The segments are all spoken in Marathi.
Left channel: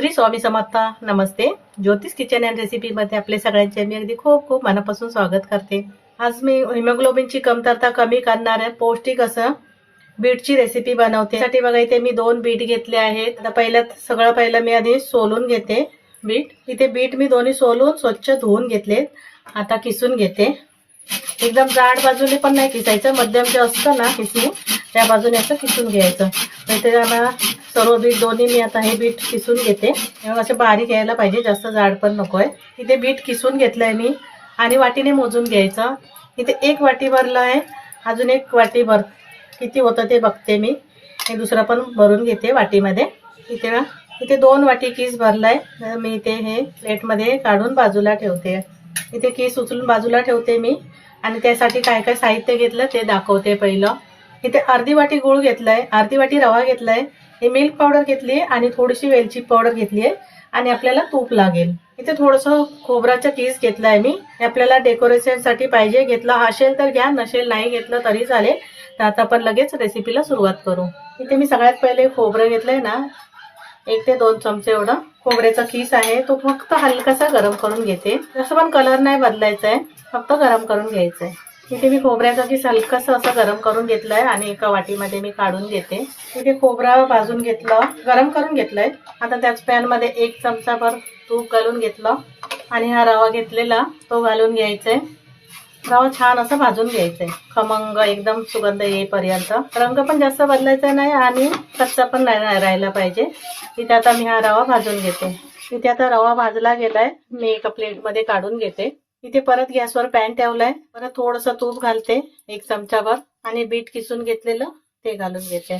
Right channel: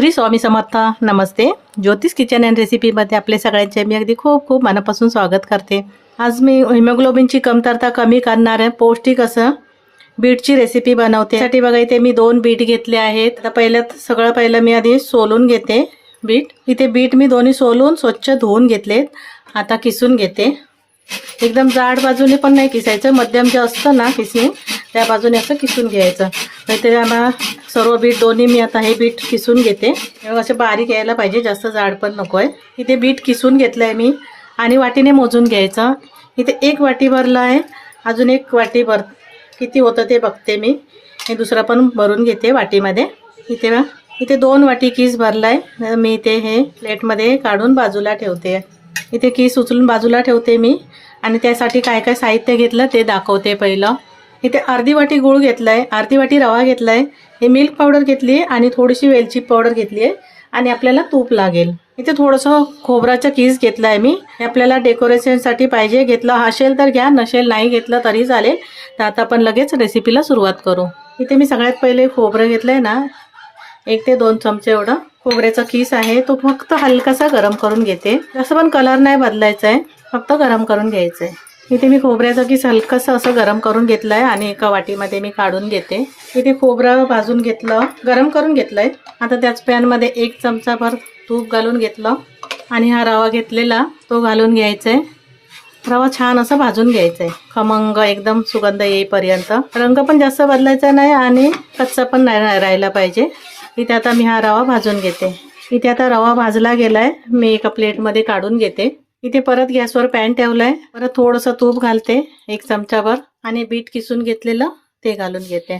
श्री स्वामी समर्थ. नमस्ते. ज्योतिष किचन अँड रेसिपीमध्ये आपले सगळ्यांचे मी अगदी खूप खूप मनापासून स्वागत करते. आज मी हिमोग्लोबिनची कमतरता कमी करणाऱ्या पौष्टिक असं बीटची रेसिपी बनवते. त्यासाठी बघा इथे मी 2 बीट घेतले आहेत. आता पहिलं मी आधी सोलून घेते बीट. इथे बीट मी दोन्ही सोलून स्वच्छ धुवून घेतलेत. आता किसून घेते. एकदम जाड बाजूने पण नाही किसायचं, मध्यम जे असतं ना किसणी त्या बाजूने असं किसून घ्यायचं. इथे आता सर्व बीट दोन्ही मी आता हे बीट किसून घेते. असं बारीक यायला पाहिजे, जास्त जाड पण नको आहे. इथे बीट किसून घेतलंय मी आणि वाटीने मोजून घ्यायचं. इथे 1 वाटी भरला आहे, अजून 1 वाटी किती होतं ते बघते मी. हे दुसरं पण भरून घेते वाटीमध्ये. इथे 2 वाटी किस भरलाय. मी इथे हे प्लेटमध्ये काढून बाजूला ठेवते. इथे किस उचलून बाजूला ठेवते मी आणि त्यासाठी काय काय साहित्य घेतलं ते दाखवते. पहिलं इथे अर्धी वाटी गूळ घेतलाय, अर्धी वाटी रवा घेतलाय, हे मिल्क पावडर घेतली आणि थोडीशी वेलची पावडर घेतली आहे आणि आपल्याला तूप लागेल. इथे थोडंसं खोबऱ्याचा किस घेतलाय मी. आपल्याला डेकोरेशनसाठी पाहिजे, घेतला असेल तर घ्या, नसेल नाही घेतलं तरी चालेल. तर आता आपण लगेच रेसिपीला सुरुवात करू. इथे मी सगळ्यात पहिले खोबरं घेतलंय ना, 1 ते 2 चमचे एवढं खोबऱ्याचा किस आहे. तो फक्त हलकासा गरम करून घेते. जसं पण कलर नाही बदलायचा आहे, फक्त गरम करून घ्यायचं आहे. इथे मी खोबऱ्याचा किस हलकासा असं गरम करून घेतलाय आणि एका वाटीमध्ये मी काढून घेते. इथे खोबरं भाजून घेतलं, गरम करून घेतलंय. आता त्याच पॅनमध्ये 1 चमचाभर तूप घालून घेतलं आणि हा रवा घेतलेला तो घालून घ्यायचा आहे. रवा छान असं भाजून घ्यायचा आहे, खमंग एकदम सुगंध येईपर्यंत. रंग पण जास्त बदलायचा नाही आणि कच्चा पण नाही राहायला पाहिजे. इथे आता मी हा रवा भाजून घेते. इथे आता रवा भाजला गेलाय, मी एका प्लेटमध्ये काढून घेते. इथे परत गॅसवर पॅन ठेवलाय. परत थोडंसं तूप घालते 1 चमचाभर आणि बीट किसून घेतलेलं ते घालून घेते.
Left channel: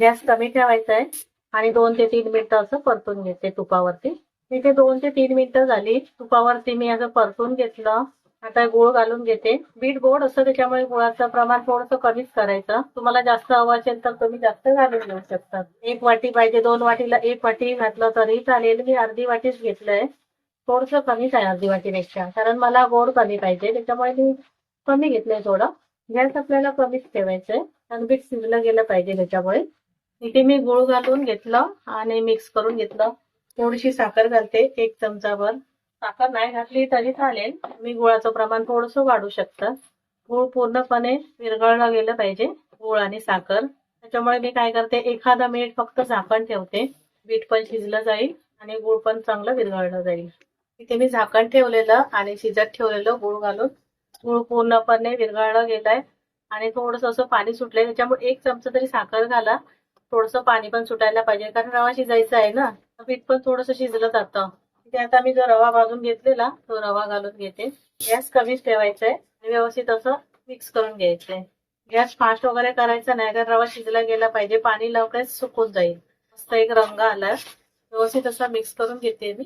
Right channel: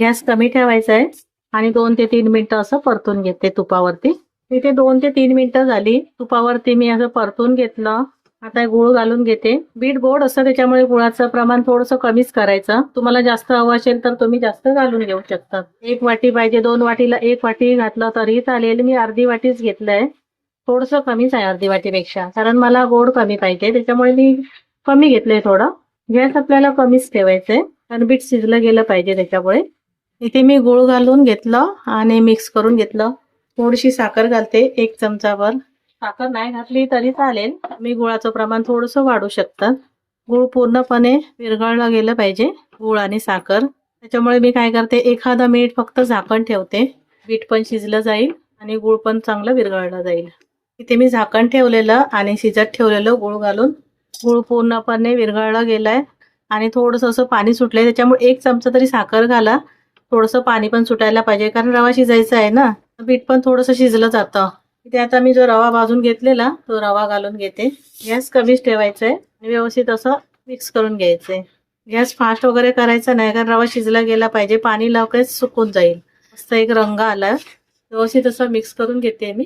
गॅस कमी ठेवायचा आहे आणि 2 ते 3 मिनिटं असं परतून घेते तुपावरती. इथे 2 ते 3 मिनिटं झाली, तुपावरती मी असं परतून घेतलं. आता गूळ घालून घेते. बीट गोड असतं त्याच्यामुळे गुळाचं प्रमाण थोडंसं कमीच करायचं. तुम्हाला जास्त हवं असेल तर तुम्ही जास्त घालून घेऊ शकता. 1 वाटी पाहिजे, 2 वाटीला 1 वाटी घातलं तरी चालेल. मी अर्धी वाटीच घेतलंय, थोडंसं कमीच आहे अर्धी वाटीपेक्षा, कारण मला गोड कमी पाहिजे त्याच्यामुळे मी कमी घेतलंय थोडं. गॅस आपल्याला कमीच ठेवायचंय कारण बीट शिजलं गेलं पाहिजे त्याच्यामुळे. इथे मी गूळ घालून घेतलं आणि मिक्स करून घेतलं. थोडीशी साखर घालते 1 चमचाभर. साखर नाही घातली तरी चालेल, मी गुळाचं प्रमाण थोडंसं वाढू शकता. गूळ पूर्णपणे विरघळलं गेलं पाहिजे, गूळ आणि साखर. त्याच्यामुळे मी काय करते, एखादा मिनिट फक्त झाकण ठेवते. बीट पण शिजलं जाईल आणि गूळ पण चांगलं विरघळलं जाईल. इथे मी झाकण ठेवलेलं आणि शिजत ठेवलेलं गूळ घालून, गूळ पूर्णपणे विरघळलं गेलाय आणि थोडंसं असं पाणी सुटलंय. त्याच्यामुळे 1 चमचा तरी साखर घाला. थोडंसं पाणी पण सुटायला पाहिजे कारण रवा शिजायचा आहे ना, बीट पण थोडंसं शिजलं जातं. इथे आता मी जो रवा भाजून घेतलेला तो रवा घालून घेते. गॅस कमीच ठेवायचा आहे आणि व्यवस्थित असं मिक्स करून घ्यायचंय. गॅस फास्ट वगैरे करायचा नाही कारण रवा शिजला गेला पाहिजे, पाणी लगेच सुकून जाईल. मस्त एक रंग आला. व्यवस्थित असं मिक्स करून घेते मी.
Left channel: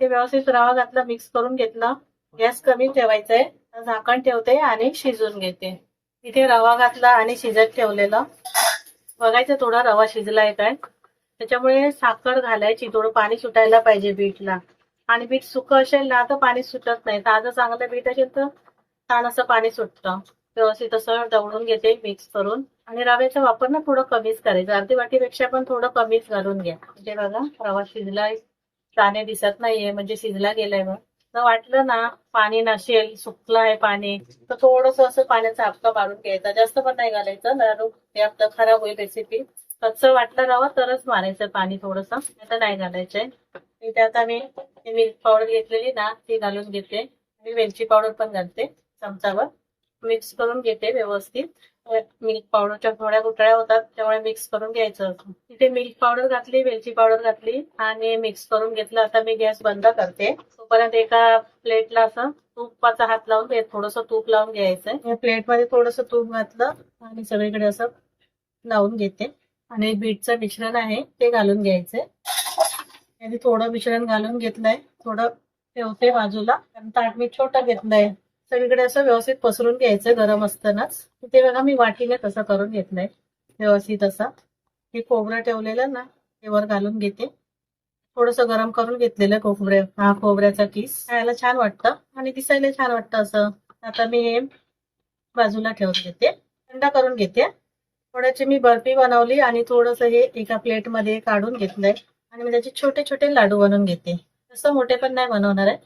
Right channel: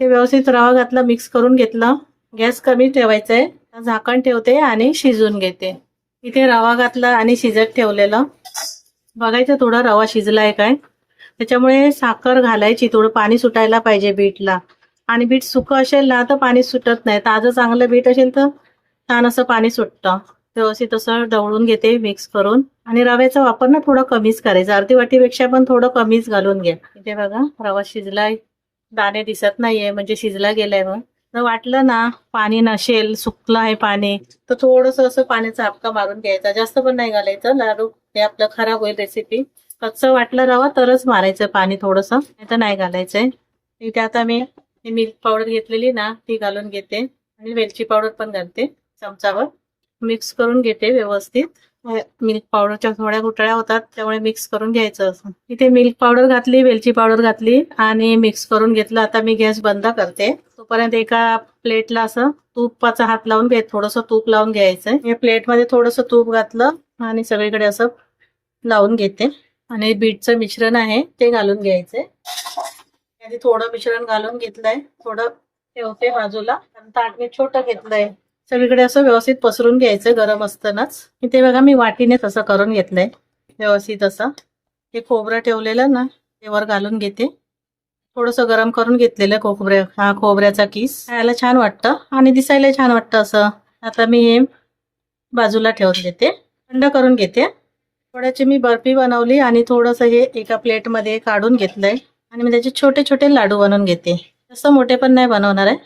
ते व्यवस्थित रवा घातला, मिक्स करून घेतलं. गॅस कमी ठेवायचा आहे. झाकण ठेवते आणि शिजून घेते. इथे रवा घातला आणि शिजत ठेवलेलं. बघायचं थोडा रवा शिजलाय काय. त्याच्यामुळे साखर घालायची, थोडं पाणी सुटायला पाहिजे बीटला. आणि बीट सुकं असेल ना तर पाणी सुटत नाही, ताजं चांगलं बीट असेल तर छान असं पाणी सुटतं. व्यवस्थित असं ढवळून घेते मिक्स करून. आणि रव्याचा वापर ना थोडं कमीच करायचा, अर्धी वाटीपेक्षा पण थोडं कमीच घालून घ्या. इथे बघा रवा शिजलाय, दाणे दिसत नाहीये म्हणजे शिजला गेलाय. मग जर वाटलं ना पाणी नसेल, सुकलं आहे पाणी, तर थोडंसं असं पाण्याचा हापका मारून घ्यायचा. जास्त पण नाही घालायचं, लाडू ते आपलं खराब होईल रेसिपी. कच्चं वाटलं रवा तरच मारायचं पाणी थोडंसं, नाही तर नाही घालायचंय. इथे आता मी मिल्क पावडर घेतलेली ना ती घालून घेते आणि वेलची पावडर पण घालते चमचावर. मिक्स करून घेते व्यवस्थित. मिल्क पावडरच्या थोड्या गुठळ्या होतात त्यामुळे मिक्स करून घ्यायचं असं. इथे मिल्क पावडर घातली, वेलची पावडर घातली आणि मिक्स करून घेतलं. आता मी गॅस बंद करते. तोपर्यंत एका प्लेटला असं तुपाचा हात लावून घ्यायचं, थोडंसं तूप लावून घ्यायचंय. या प्लेटमध्ये थोडंसं तूप घातलं आणि सगळीकडे असं लावून घेते. आणि बीटचं मिश्रण आहे ते घालून घ्यायचंय. आधी थोडं मिश्रण घालून घेतलंय, थोडं ठेवते बाजूला. ताट मी छोटं घेतलंय. सगळीकडे असं व्यवस्थित पसरून घ्यायचं गरम असतानाच. इथे बघा मी वाटीने तसं करून घेतलंय व्यवस्थित असं. हे खोबरं ठेवलेलं ना ते वर घालून घेते. थोडंसं गरम करून घेतलेलं खोबऱ्याचा किस खायला छान वाटतं आणि दिसायला छान वाटतं असं. आता मी हे बाजूला ठेवून देते, थंड करून घेते. थोड्याची मी बर्फी बनवली आणि थोडंसं हे एका प्लेटमध्ये काढून घेतलंय. आणि मी त्याचे छोटे छोटे लाडू बनवून घेते. जास्त मोठे पण नाही बनवणार आहे.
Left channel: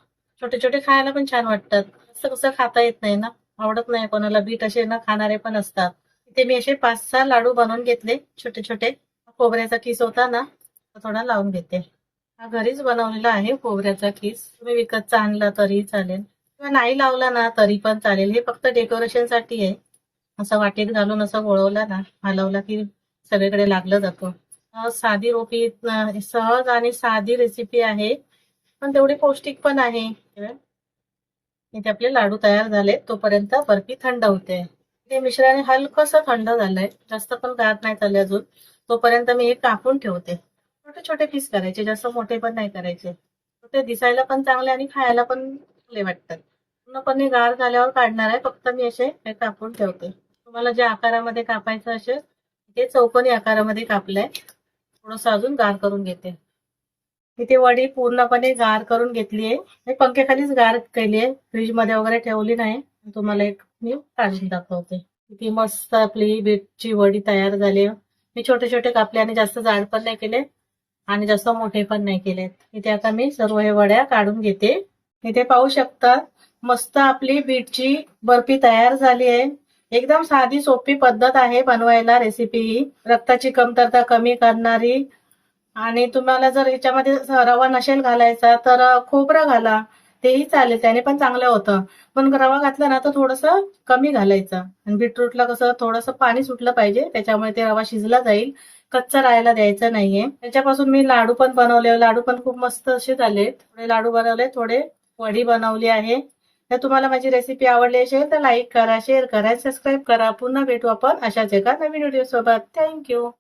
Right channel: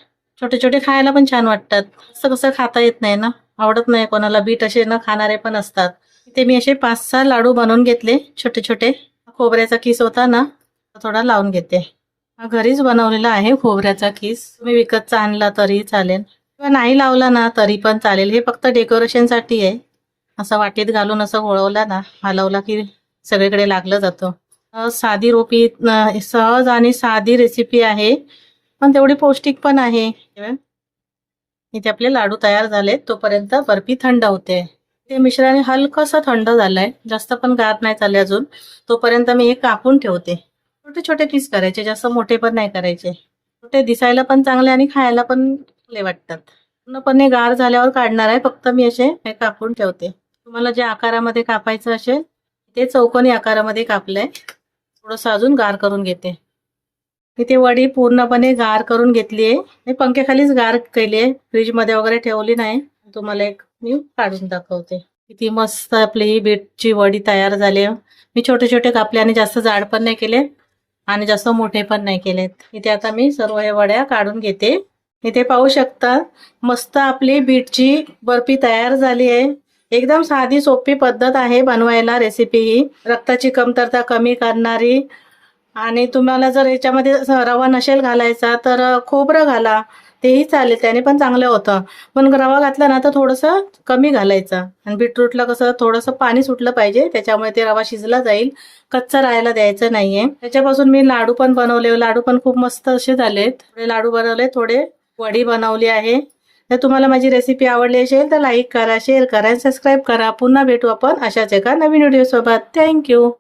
छोटे छोटे खायला पण छान वाटतात. असं कसं खाता येत नाही ना, आवडत नाही कोणाला. बीट असे न खाणारे पण असतात. ते मी असे 5-6 लाडू बनवून घेतले छोटे छोटे. खोबऱ्याचा किस होता ना, थोडा लावून घेते. हा घरीच बनवलेला आहे खोबऱ्याचा किस. तुम्ही विकतचा आणला तरी चालेल किंवा नाही लावला ना तरी पण चालेल. हे फक्त डेकोरेशनसाठी आहे. असं वाटीत घालून असं वळवला ना, हलवला की सगळीकडे लागलं जातं. साधी रोपी सहज आणि साधी रेसिपी आहे, पण तेवढी पौष्टिक पण आहे. इथे आपले लाडू तयार झाले. तोपर्यंत बर्फी थंड होते. ते मिश्रण हलकंसं थंड झालंय, जास्त पण गार नाही झाले अजून. तोपर्यंत मी एक कापून ठेवते. छोटे छोटे पीस करायचे, जास्त मोठे पण नाही करायचे. छोटे दिसायला पण चांगले आणि खायला पण चांगले वाटतात. पूर्णपणे गार झाल्यावर काढणार आहे. फक्त मी असे हे कापून ठेवते. तुम्हाला ज्या आकारामध्ये कापायचं असेल ते चौकोनी आकारामध्ये कापलंय. थोडंसं अजून गार करून घेते. इथे वडी पूर्णपणे गार करून घेतली आहे. मी पंख्याखालीच गार केली आहे, फ्रीजमध्ये वगैरे ठेवली नाही. तुम्हाला एक मी काढून दाखवते. किती मस्त आपली बीटची वडी तयार झाली आहे. मी छोटे छोटे कापले आणि जास्त जाड पण नाही केले आणि जास्त मोठे पण नाही केलेत. इथे आता मी सर्व हे वड्या काढून घेते. इथे पाहू शकता मस्त आपली बीटची बर्फी तयार झाली आहे. एकदम साधी सोपी पद्धत आहे बनवायला. रेसिपी ही रक्ताची कमतरता कमी करणारी. आणि तुम्हाला जर ह्याच्यामध्ये रवा नसेल घालायचा तर खोबरं घाला, तेही चालेल, त्याने पण चांगलं होतं. पण रवा घातला ना तर थोडंसं कमी घालायचं. आणि बीटरूटला कसं थोडंसं पाणी सुटलं पाहिजे, त्याच्यामुळे ते रवा शिजला जाईल, कच्चा राहायला द्यायचं नाहीये. त्याच्यापासून मी लाडू पण बनवले. लाडू पण खूप मस्त असे झालेत. थोडे लाडू बनवले, थोडे वडी बनवली आहे. जर तुम्हाला माझी रेसिपी आवडली असेल तर लाईक करा, शेअर करा, सबस्क्राईब करा. पुन्हा भेटू आपण अशाच एका नवीन व्हिडिओ सोबत. थँक्यू.